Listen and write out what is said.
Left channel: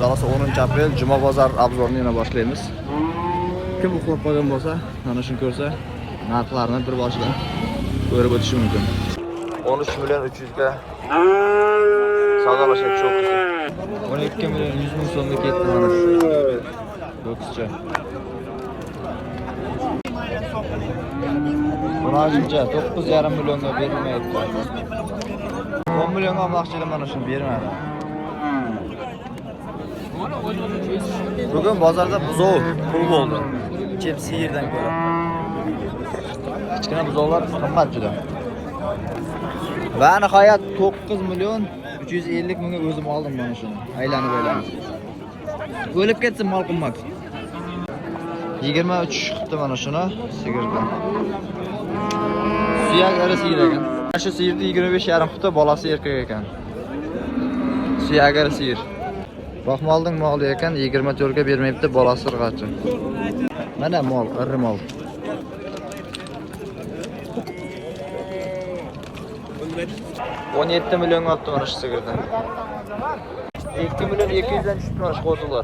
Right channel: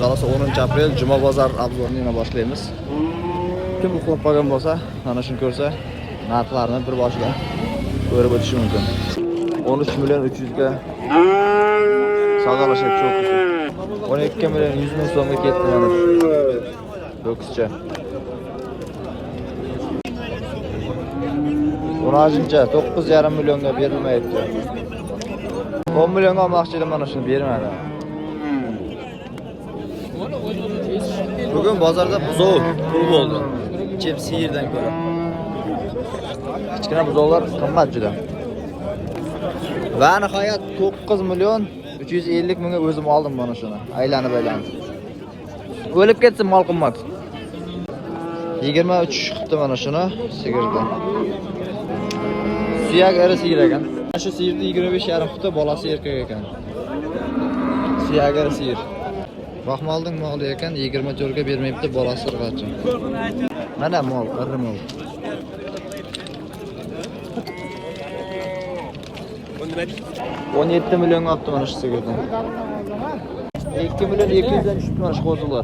Xullas 10-aprel Juma bozor obzorini yana boshlaymiz. Kim uxlab qolgan bo'lsa, mana shuni ko'rsa, narxlarni bir boshidan ko'rib o'tishi mumkin. 13 million 300 ga savdo boshlab chiqdi. 12 million 100 ming so'mga ketdi mana shu. Do'stcha. Bunajincha 9,5 millionga berilmayapti. 10 millionga olmoqchilar mana shuni bermaydi. Bugun bozorda buzov pul bo'ldi. Chep siyirdan ko'ra. Kichkina buzovlar qimmat juda. Va nihoyat 9 million 350 mingga o'zim oldim bunasini. Aylanib. O'lib ketsin mol qimmat. 23 chiqdi mana shuni sigirdan. Suyak eri sigir ekan. Shu sigirni 25,5 hafta bolasi erkak ekan. Suyak eri sigir. Baxmolding moli ekan 24 ga bermayapti bolasi irg'achi. Mana mol, iri mol. 17 million olibdi mana shu sigirdan. 2 million 200 qo'zildi.